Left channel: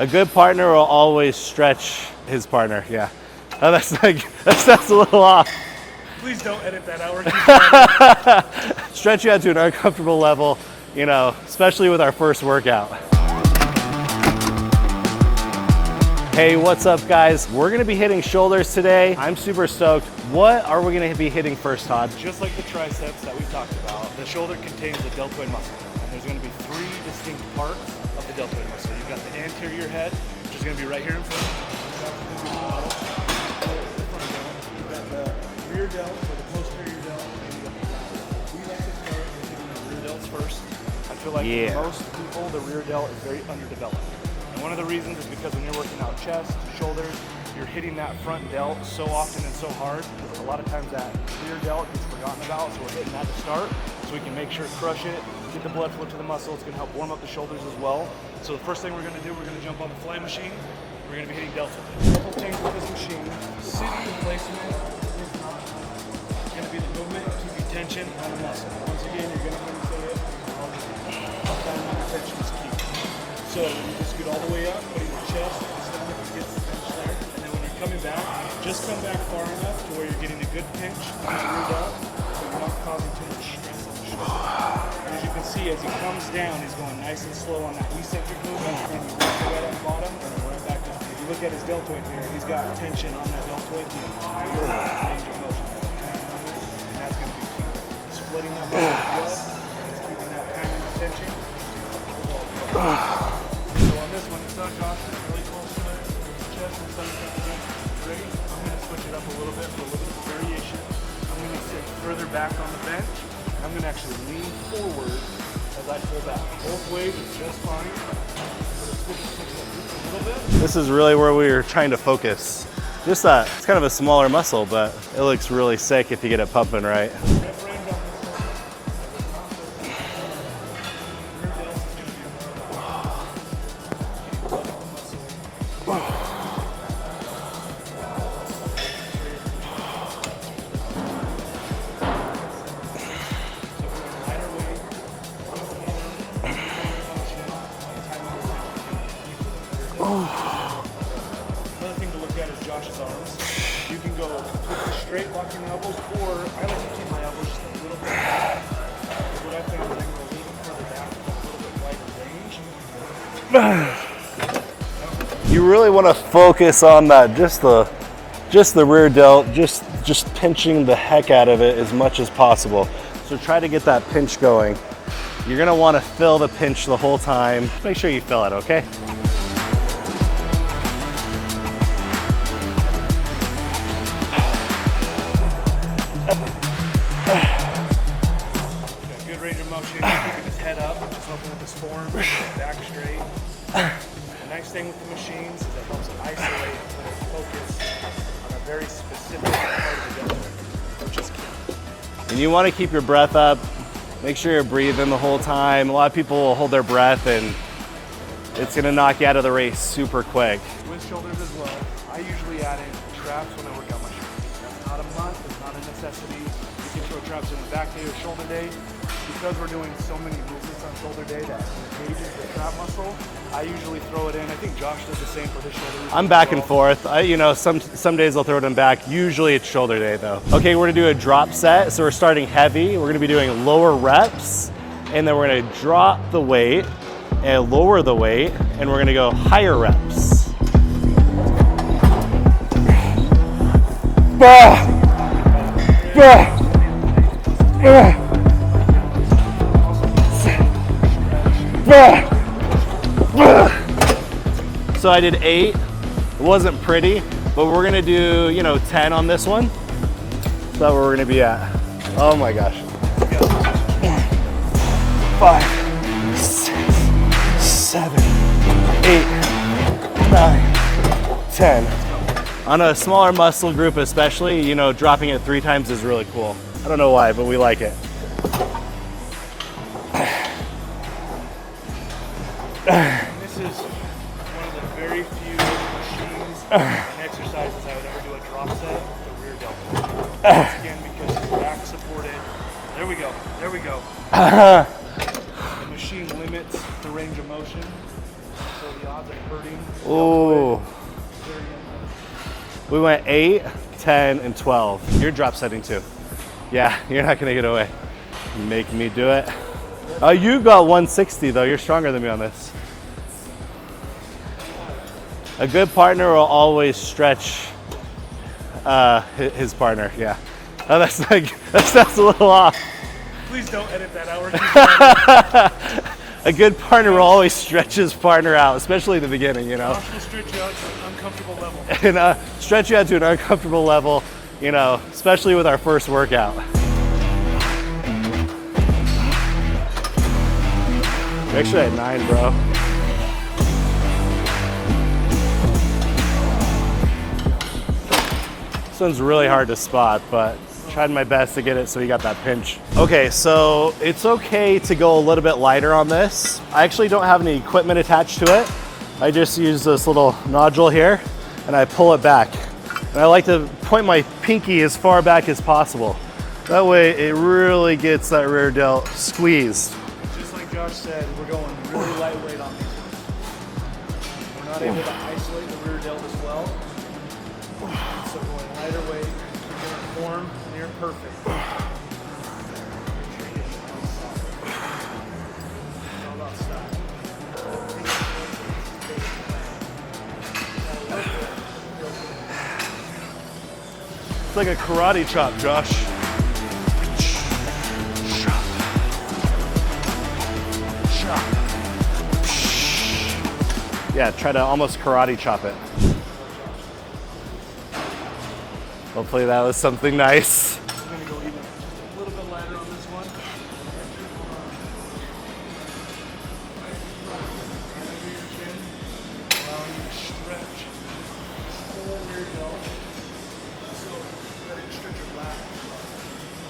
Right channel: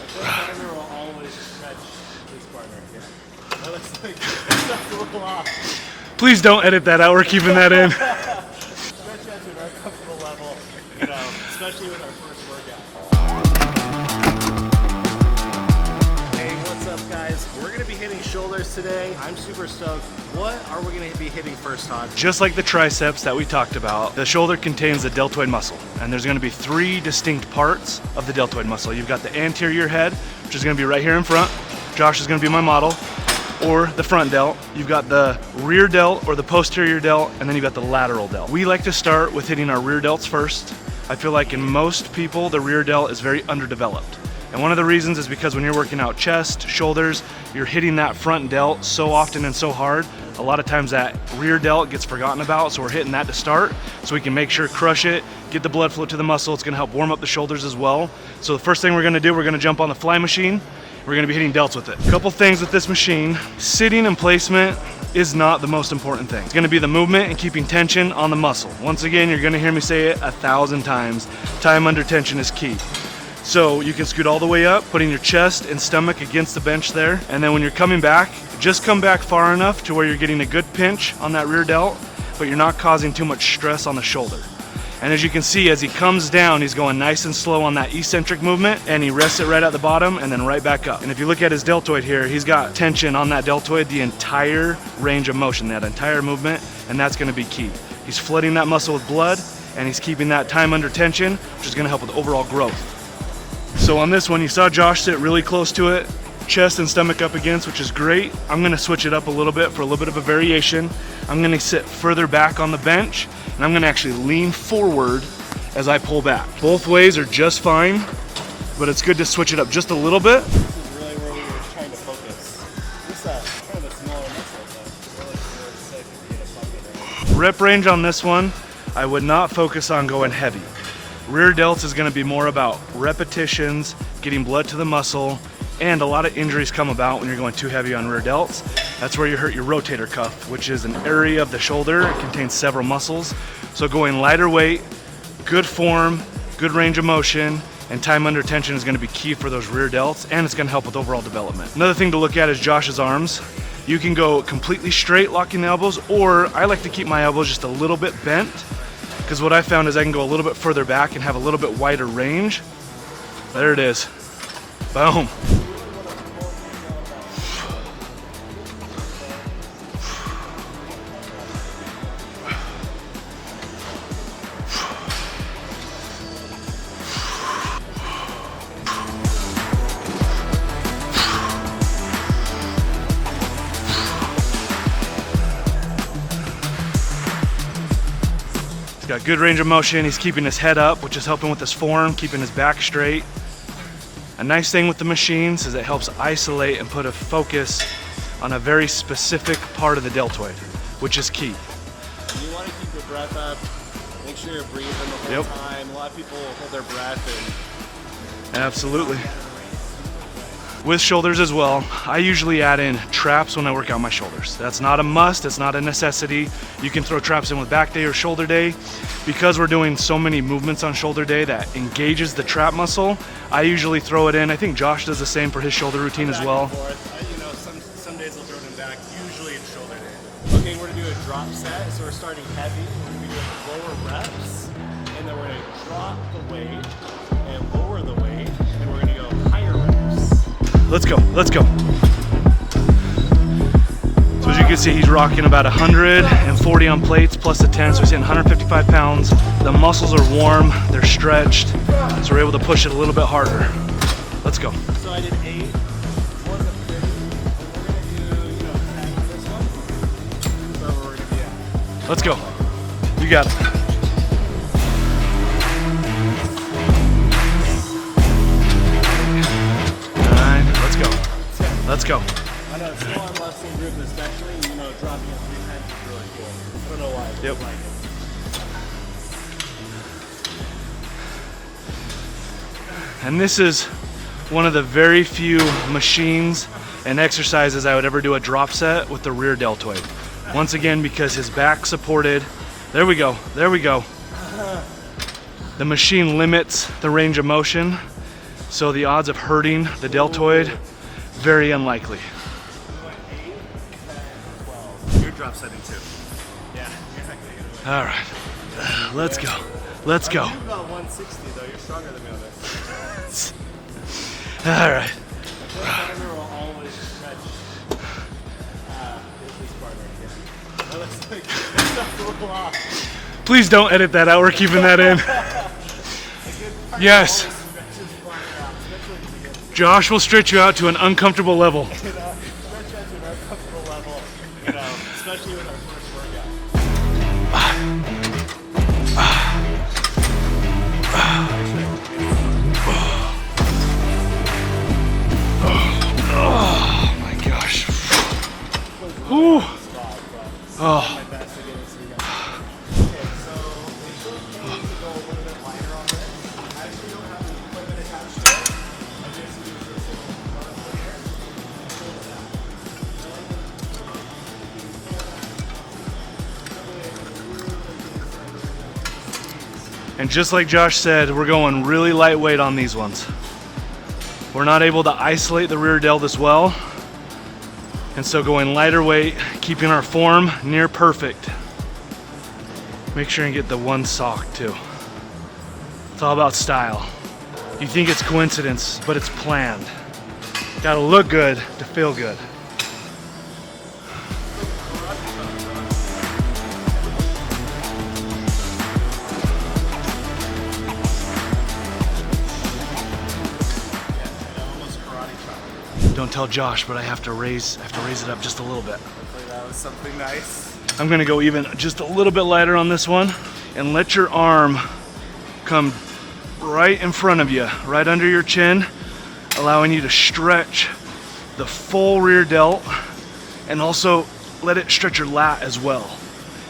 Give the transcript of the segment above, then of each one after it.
A good partner will always stretch his partner, yeah. Oh, that's a little off. Please don't edit that out, we're keeping that in. Stretch you out to an uncomfortable level, you know, especially with our first workout. Hey, what's up guys? We're gonna be hitting shoulders today. I'm super stoked. What are we gonna be hitting first, Todd? Just like the triceps that we talked about, the shoulder contains the deltoid muscle. And there's gonna be 3 distinct parts of the deltoid muscle. You've got the anterior head, which is gonna be right here in front. Josh is gonna be my model. Or the front delt. You've got the rear delt or the posterior delt, and then you've got the lateral delt. We like to start with hitting our rear delts first. I feel like in most people, the rear delt is very underdeveloped. And one of the reasons is because when you're working out chest, shoulders, you're hitting that front delt so often and so hard, a lot of times that rear delt gets forgotten about, so we're hitting that to start, so we can make sure crush it, get the blood flow to the muscle. It's gonna help warm up the shoulders as well. So the first thing we're gonna do, we're gonna jump on the fly machine. We're gonna be hitting delts with it. A couple things with this machine. Sitting and placement is not the most important thing. It's gonna be the movement and keeping tension on the muscle. Once again, you're gonna hear me say it 1,000 times. Time under tension is key. So you can scoot all the way up, putting your chest and stomach against the bench there. And then when you're coming back, just come back far enough to where you're getting a good pinch on that rear delt, but you're not causing too much stress on the shoulder. And as you can see, as he comes down, he's going nice and slow on that eccentric movement, and he rests it right at the bottom and then right back up. And if you look at his deltoid here, he's got tension on that deltoid the entire range of motion, that entire movement, and that's gonna be key. He's flooding that muscle with blood, and he's keeping that time under tension, which is gonna help with overall growth. So on this one, you saw Josh sit really close to it, chest and stomach up against, which is great. I'm gonna switch it up a little bit for a little bit of a variation. I'm gonna sit further back on the bench, and I'm gonna actually lean forward as I pull back. Both ways are just fine, but it's good to switch it up just a little bit. This is really where we were trying to focus. Just it's kind of a smaller muscle, but it looks really sick if you get it pumping right. Rep range on this one, I would not focus on going heavy. Rear delts is gonna be more about repetitions, getting blood to the muscle, and a lot of injuries come about when you're going too heavy on rear delts. That's where you hurt your rotator cuff, which is an area of the shoulder. It contains several muscles. So going lighter weight, good form, good range of motion, and time under tension is gonna be key for those rear delts, and it's gonna help with overall development. Another thing to look at is Josh's arms. You can go completely straight, locking the elbows, or I like to keep my elbows just a little bit bent, because what I found is I can go a little bit further back and have a little bit wider range. There it is. Boom. You really want to focus on that, just the rear delt, just pinching the heck out of it as much as possible. So try to get that pinch going. You're gonna want to fill the pinch the whole time. Make sure you fill it, okay? He's got good range of motion. He's keeping his head up, which is helping with his form, keeping his back straight. A nice thing with the machines is it helps isolate and put a focus on a very specific part of the deltoid, which is key. And you want to keep your breath up. Make sure you're breathing the whole time. A lot of people will hold their breath and it's going to knock you out of the race super quick. With shoulders as well, I usually add in traps when I work out my shoulders. That's not a must, it's not a necessity. You can throw traps in with back day or shoulder day. Because we're doing so many movements on shoulder day that engages the trap muscle, I usually throw it in. I think Josh does the same for his shoulder routine as well. I'm back and forth. You know, some days I'll throw it in back. Usually it's shoulder day though. Okay, we're gonna do a drop set. So we're starting heavy. We're gonna be doing lower reps, and then we're gonna drop the weight and lower the weight, and we're gonna go higher reps. Let's go, let's go. You can see he's rocking about 140 on plates plus the 10, so he's hitting 155 pounds. The muscles are warm, they're stretched, so we're able to push it a little bit harder. Let's go. So I did 8. It wasn't pretty, but we're gonna do, you know, 10 on this one. That's where we're gonna be at. Let's go. Oh my gosh. You got it. 5, 6, 7, 8, 9. Let's go. 10. Let's go. On a smaller muscle group especially, you know, dropping it 3 times is really cool. I don't know why, but we like it. And this is one of the very few machines and exercises I would ever do a drop set with the rear deltoid. Once again, because his back supported. There we go, there we go. The machine limits the range of motion So the odds of hurting the deltoid, very unlikely. We went 8, 10, and 12. You're drop setting too. Yeah, you're not gonna get away. All right. You're making me do Let's it. go. Let's go. You got 160 though. You're stronger than me on this. All right. A good partner will always stretch his partner. Yeah. Oh, that's a little off. Please don't edit that out. We're keeping that in. A good partner Yes. will always stretch his partner out, especially in the beginning. You know? Josh will stretch you out to an uncomfortable level. And stretch you out to an uncomfortable level, you know, especially with our first workout. Actually at 9, bro. Oh my gosh. This one's really hard to spot, but I had my best to get it so you got that pinch. Okay, so it's okay to go a little bit lighter on this. I actually don't have any equipment attached to it. I just use this little nodule here and I pull it back. And I like to point my pinky as far back as possible. That way it really gets that rear delt squeezed. And just like Josh said, we're going really lightweight on these ones. We're not able to isolate the rear delt as well. And so going lighter weight, keeping our form near perfect. Make sure you get the one sock too. It's all about style. You think it's coincidence, but it's planned. Gotta look good to feel good. It's like a karate chop, Josh. Yeah, try to almost karate chop it. Don't tell Josh, but I have to raise it up just a little bit. Hopefully that was something nice. I'm gonna go even just a little bit lighter on this one and let your arm come right in front of you, right under your chin, allowing you to stretch the full rear delt and also let it stretch your lat as well.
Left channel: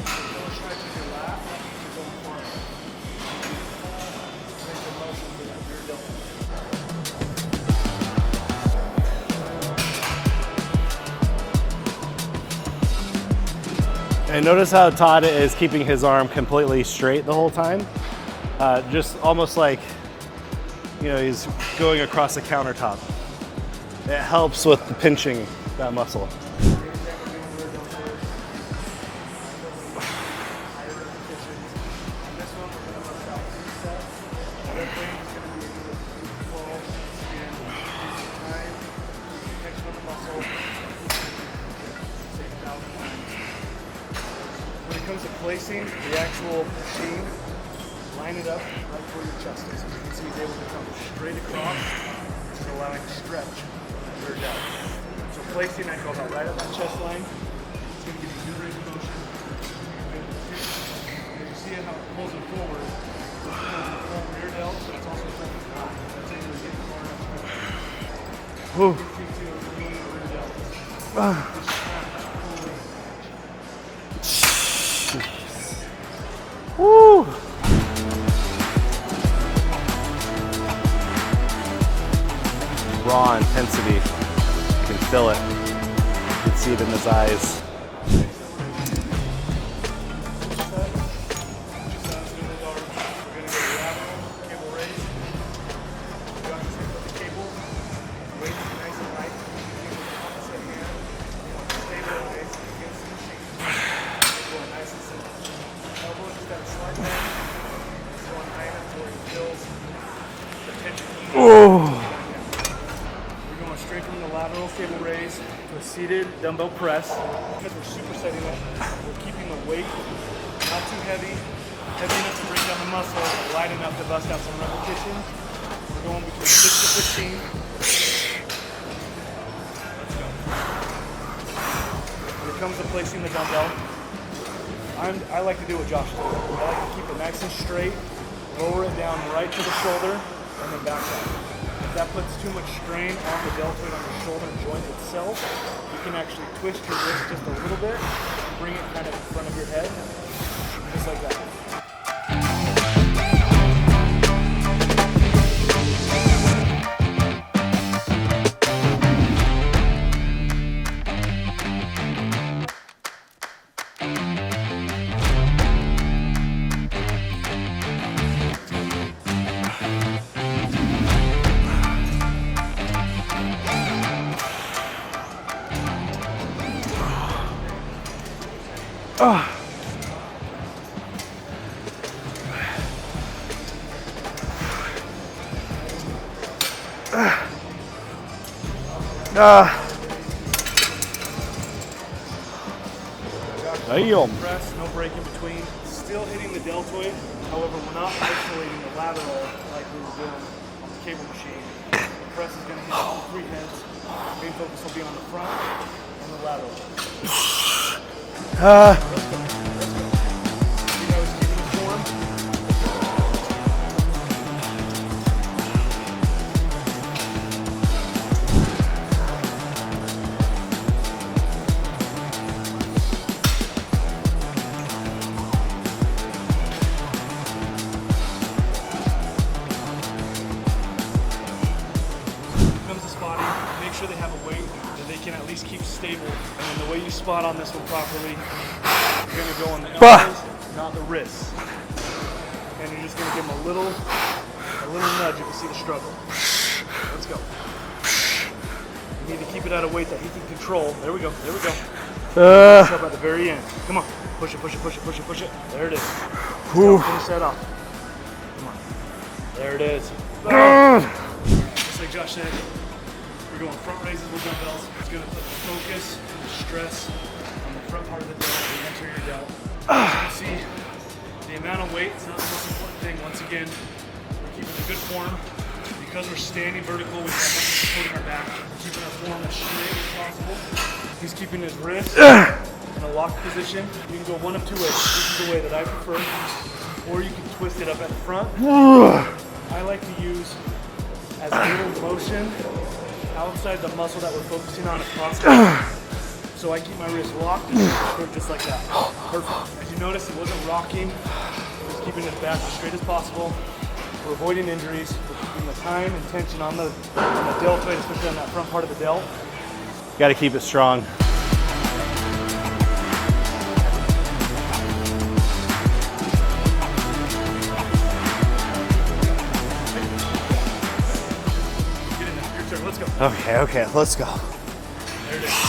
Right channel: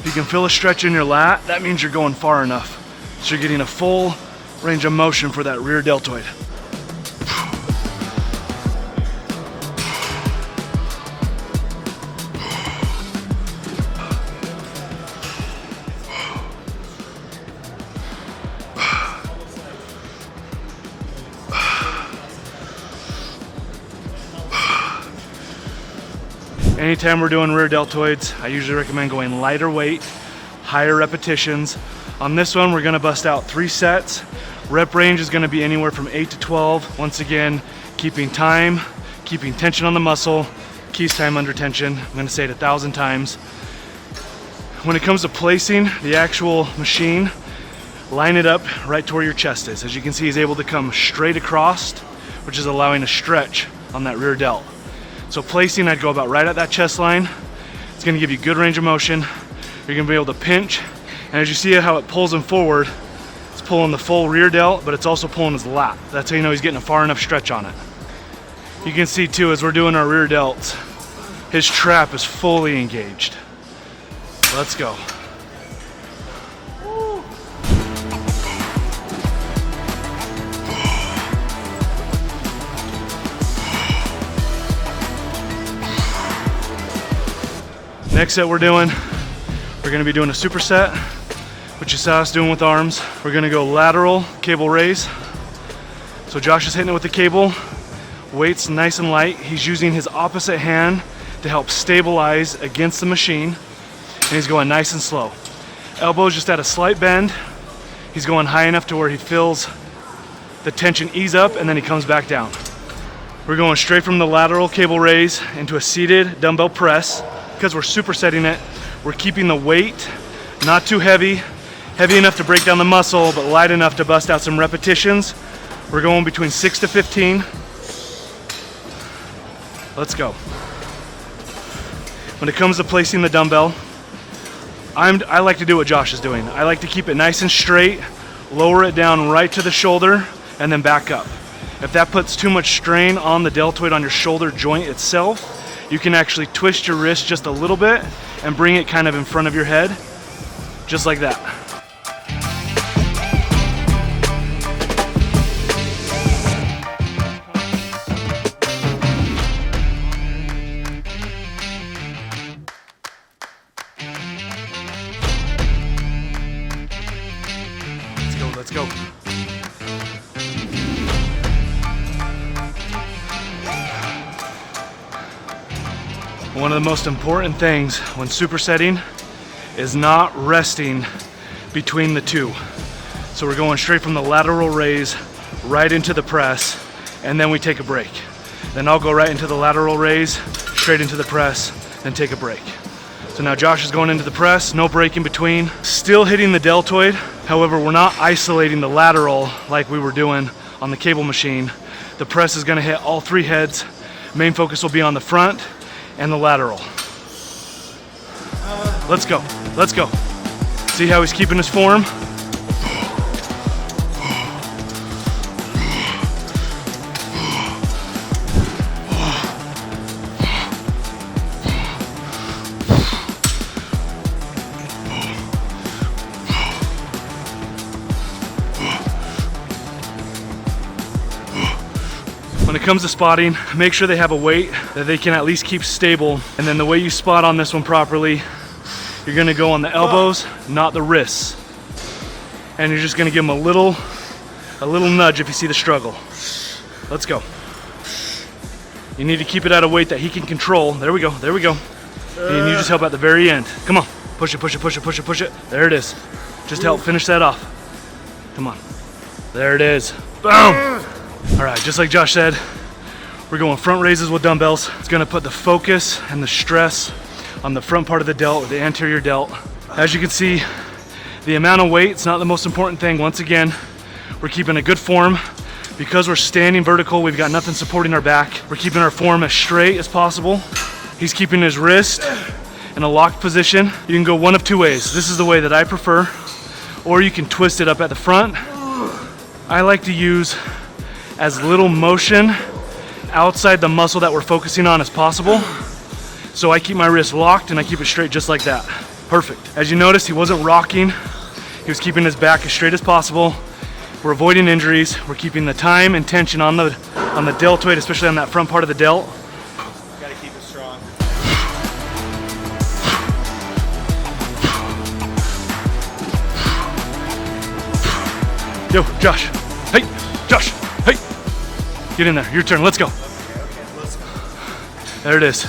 If you can feel a stretch in your lat, that means you're going far enough. So you're getting a full range of motion for that rear deltoid. And notice how Todd is keeping his arm completely straight the whole time. Just almost like, you know, he's going across the countertop. It helps with pinching that muscle. Anytime we're doing rear deltoids, I usually recommend going lighter weight, higher repetitions. On this one, we're gonna bust out 3 sets. Rep range is gonna be anywhere from 8 to 12. Once again, keeping time, keeping tension on the muscle, keeps time under tension. I'm gonna say it 1,000 times. When it comes to placing the actual machine, line it up right to where your chest is. As you can see, he's able to come straight across, which is allowing a stretch on that rear delt. So placing, I'd go about right at that chest line. It's gonna give you good range of motion. You're gonna be able to pinch. And as you see how it pulls him forward, it's pulling the full rear delt, but it's also pulling his lat. That's how you know he's getting a far enough stretch on it. You can see too, as we're doing our rear delts, his trap is fully engaged. Let's go. Woo! Raw intensity. I can feel it. I can see it in his eyes. Next set we're gonna be doing a superset, which is how it's doing with arms. We're gonna go lateral cable raise. So Josh is hitting it with the cable. Weight's nice and light. He's using his opposite hand to help stabilize against the machine. And he's going nice and slow. Elbows just at a slight bend. He's going high enough to where he feels the tension ease up, and then he comes back down. We're going straight from the lateral cable raise into a seated dumbbell press. Because we're supersetting it, we're keeping the weight not too heavy, heavy enough to break down the muscle, but light enough to bust out some repetitions. We're going between 6 to 15. Let's go. When it comes to placing the dumbbell, I like to do what Josh is doing. I like to keep it nice and straight, lower it down right to the shoulder, and then back up. If that puts too much strain on the deltoid on your shoulder joint itself, you can actually twist your wrist just a little bit and bring it kind of in front of your head, just like that. One of the most important things when supersetting is not resting between the two. So we're going straight from the lateral raise right into the press, and then we take a break. Then I'll go right into the lateral raise, straight into the press, and take a break. So now Josh is going into the press, no break in between, still hitting the deltoid. However, we're not isolating the lateral like we were doing on the cable machine. The press is gonna hit all three heads. Main focus will be on the front and the lateral. Let's go, let's go. See how he's keeping his form? When it comes to spotting, make sure they have a weight that they can at least keep stable. And then the way you spot on this one properly, you're gonna go on the elbows, not the wrists. And you're just gonna give them a little nudge if you see the struggle. Let's go. You need to keep it at a weight that he can control. There we go, there we go. You need his help at the very end. Come on, push it, push it, push it, push it, push it. There it is. Just help finish that off. Come on. There it is. Boom! All right, just like Josh said, we're going front raises with dumbbells. It's gonna put the focus and the stress on the front part of the delt, the anterior delt. As you can see, the amount of weight is not the most important thing. Once again, we're keeping a good form. Because we're standing vertical, we've got nothing supporting our back. We're keeping our form as straight as possible. He's keeping his wrist in a locked position. You can go one of two ways. This is the way that I prefer, or you can twist it up at the front. I like to use as little motion outside the muscle that we're focusing on as possible. So I keep my wrist locked and I keep it straight just like that. Perfect. As you notice, he wasn't rocking. He was keeping his back as straight as possible. We're avoiding injuries. We're keeping the time and tension on the deltoid, especially on that front part of the delt. Got to keep it strong. Yo, Josh. Hey, Josh. Hey. Get in there. Your turn. Let's go. Okay, let's go. There it is.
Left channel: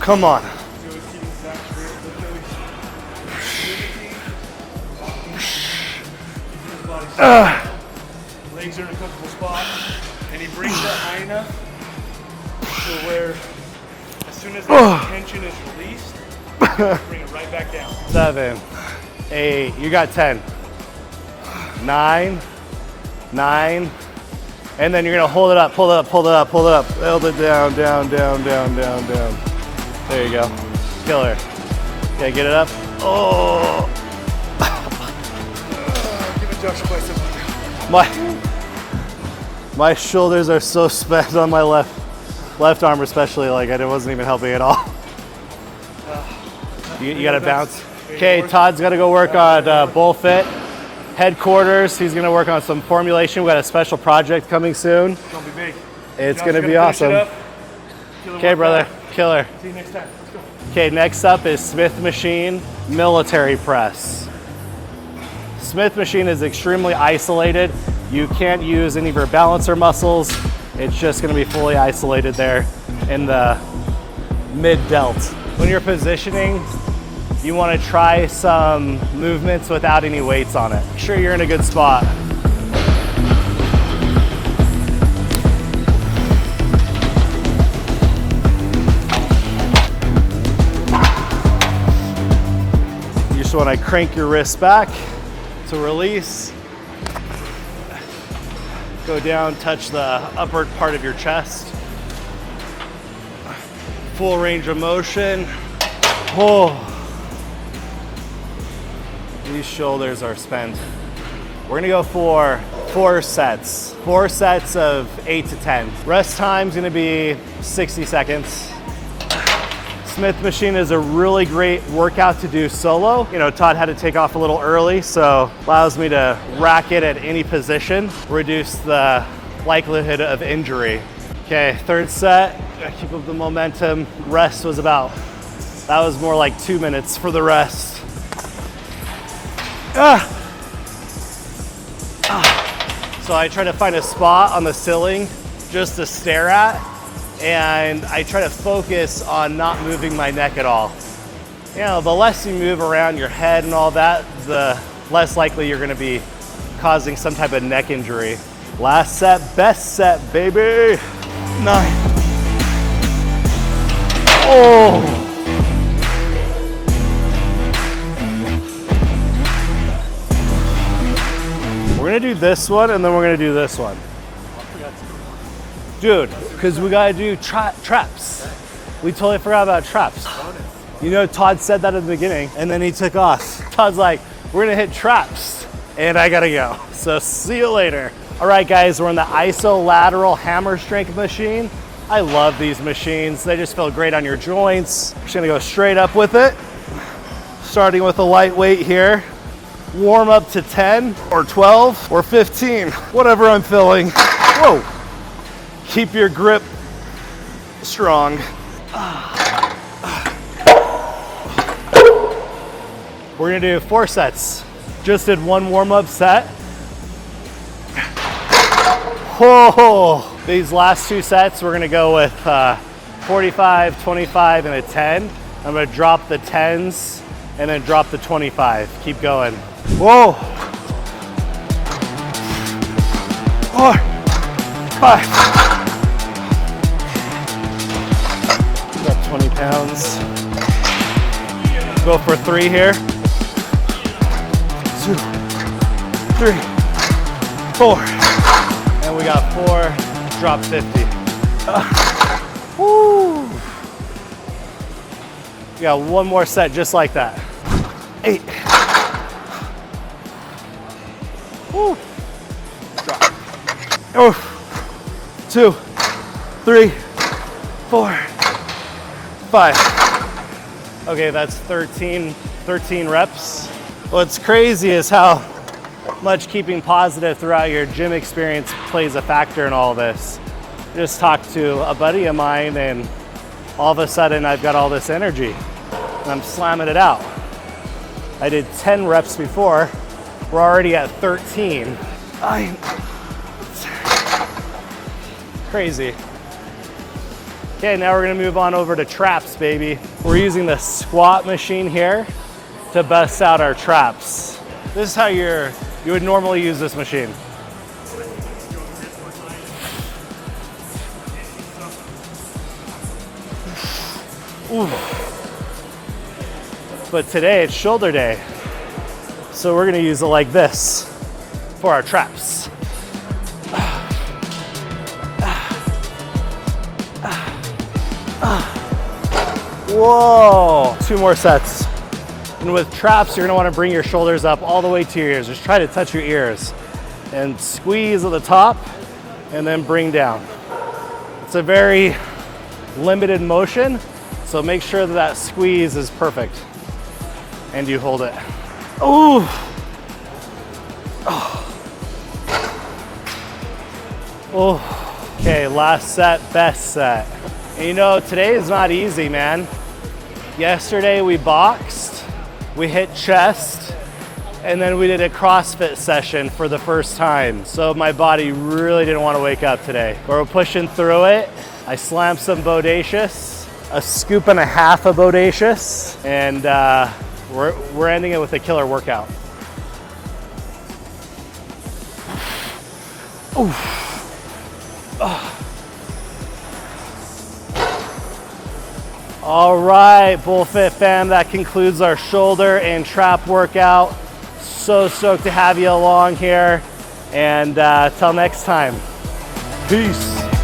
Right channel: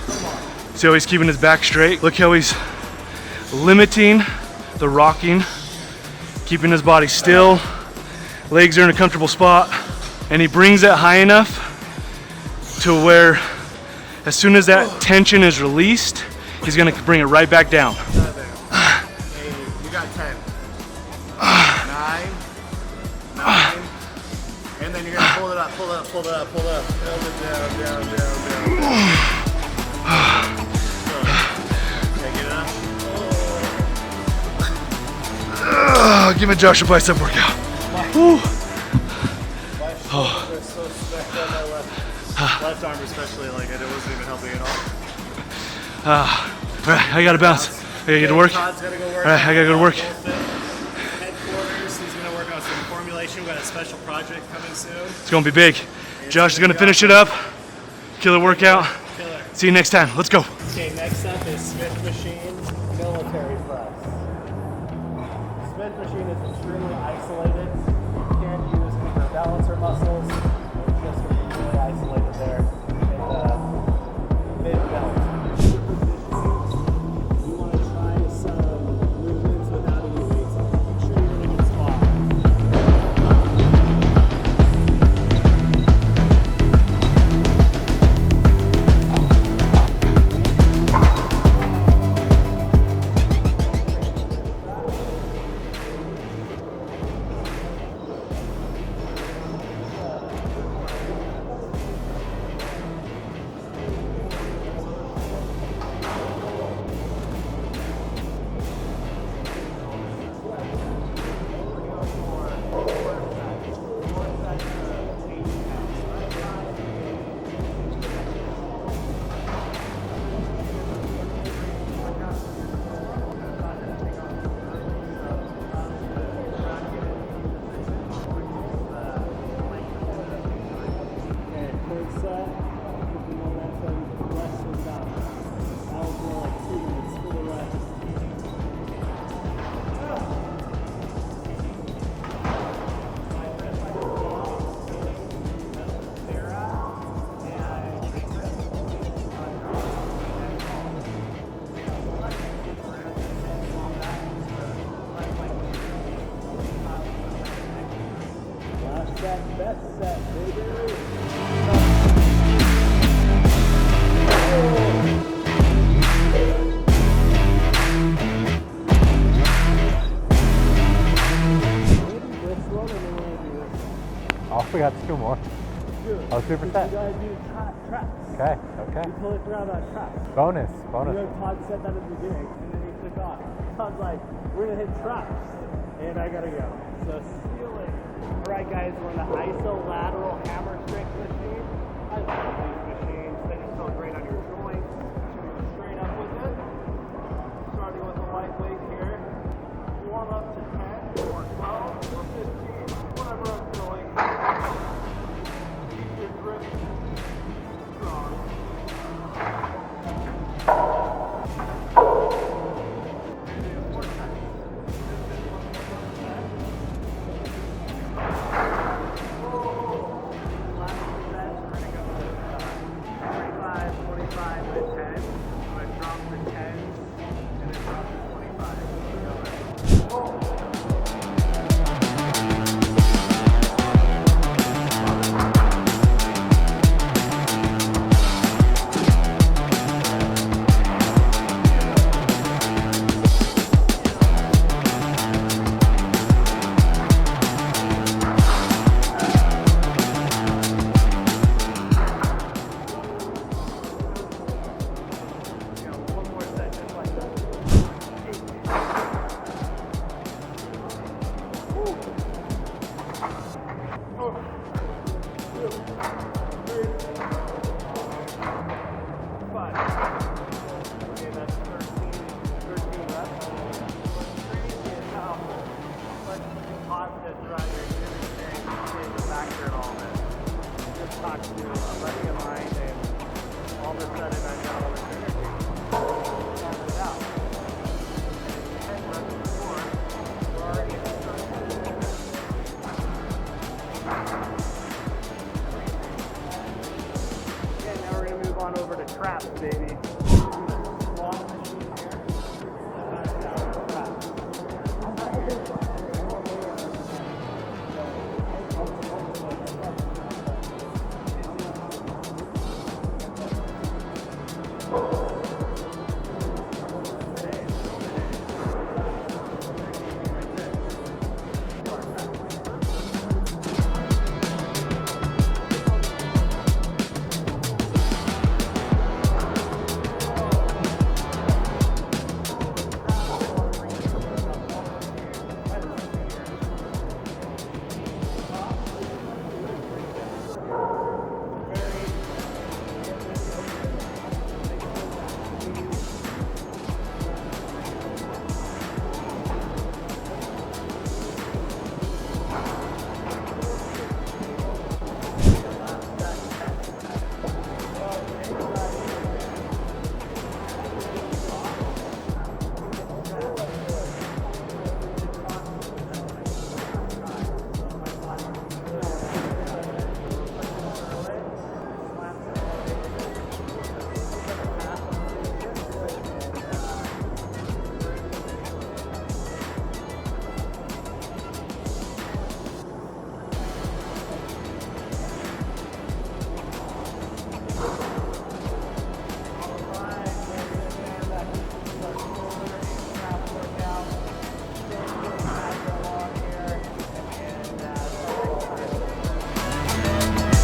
Come on. See how he's keeping his back straight? Look how he's limiting the rocking, keeping his body still. Legs are in a comfortable spot, and he brings it high enough to where as soon as that tension is released, he's gonna bring it right back down. 7, 8, you got 10. 9, and then you're gonna hold it up, pull it up, pull it up, pull it up, hold it down, down, down, down, down, down. There you go. Killer. Okay, get it up. Oh. Give me Josh a bicep workout. My shoulders are so spent on my left arm, especially. Like it wasn't even helping at all. I gotta bounce. Okay, Todd's gotta go work on BullFit. Headquarters, he's gonna work on some formulation. We got a special project coming soon. It's gonna be big. Josh is gonna gonna finish it up. Killer workout. Killer. See you next time. Let's go. Okay, next up is Smith machine military press. Smith machine is extremely isolated. You can't use any of your balancer muscles. It's just gonna be fully isolated there in the mid delt. When you're positioning, you wanna try some movements without any weights on it. Make sure you're in a good spot. You just wanna crank your wrist back to release. Go down, touch the upper part of your chest. Full range of motion. Oh. These shoulders are spent. We're gonna go for 4 sets. 4 sets of 8 to 10. Rest time's gonna be 60 seconds. Smith machine is a really great workout to do solo. You know, Todd had to take off a little early, so allows me to rack it at any position, reduce the likelihood of injury. Okay, 3rd set, keep up the momentum. Rest was that was more like 2 minutes for the rest. So I try to find a spot on the ceiling just to stare at and I try to focus on not moving my neck at all. You know, the less you move around your head and all that, the less likely you're gonna be causing some type of neck injury. Last set, best set, baby. 9. Oh. We're gonna do this one and then we're gonna do this one. I forgot 2 more. Dude, because we gotta do traps. Okay. We totally forgot about traps. Bonus. You know, Todd said that at the beginning and then he took off. Todd's like, we're gonna hit traps and I gotta go. So see you later. All right guys, we're on the ISO lateral hammer strength machine. I love these machines. They just feel great on your joints. Just gonna go straight up with it. Starting with a light weight here. Warm up to 10 or 12 or 15, whatever I'm feeling. Whoa. Keep your grip strong. We're gonna do 4 sets. Just did 1 warm-up set. Whoa. These last 2 sets, we're gonna go with 45, 25, and a 10. I'm gonna drop the 10s and then drop the 25. Keep going. Whoa. 4, 5. Got 20 pounds. Go for 3 here. 2, 3, 4. And we got 4. Drop 50. Woo. We got 1 more set just like that. 8. Woo. Drop. Oh. 2, 3, 4, 5. Okay, that's 13 reps. What's crazy is how much keeping positive throughout your gym experience plays a factor in all this. Just talked to a buddy of mine and all of a sudden I've got all this energy and I'm slamming it out. I did 10 reps before, we're already at 13. Crazy. Okay, now we're gonna move on over to traps, baby. We're using the squat machine here to bust out our traps. This is how you would normally use this machine. Ooh. But today it's shoulder day. So we're gonna use it like this for our traps. Whoa, 2 more sets. And with traps, you're gonna wanna bring your shoulders up all the way to your ears. Just try to touch your ears and squeeze at the top and then bring down. It's a very limited motion, so make sure that that squeeze is perfect and you hold it. Ooh. Oh. Okay, last set, best set. And you know, today is not easy, man. Yesterday we boxed, we hit chest, and then we did a CrossFit session for the first time. So my body really didn't want to wake up today. But we're pushing through it. I slammed some bodacious, a scoop and a half of bodacious, and we're ending it with a killer workout. Ooh. Oh. All right, BullFit fam, that concludes our shoulder and trap workout. So stoked to have you along here, and till next time, peace.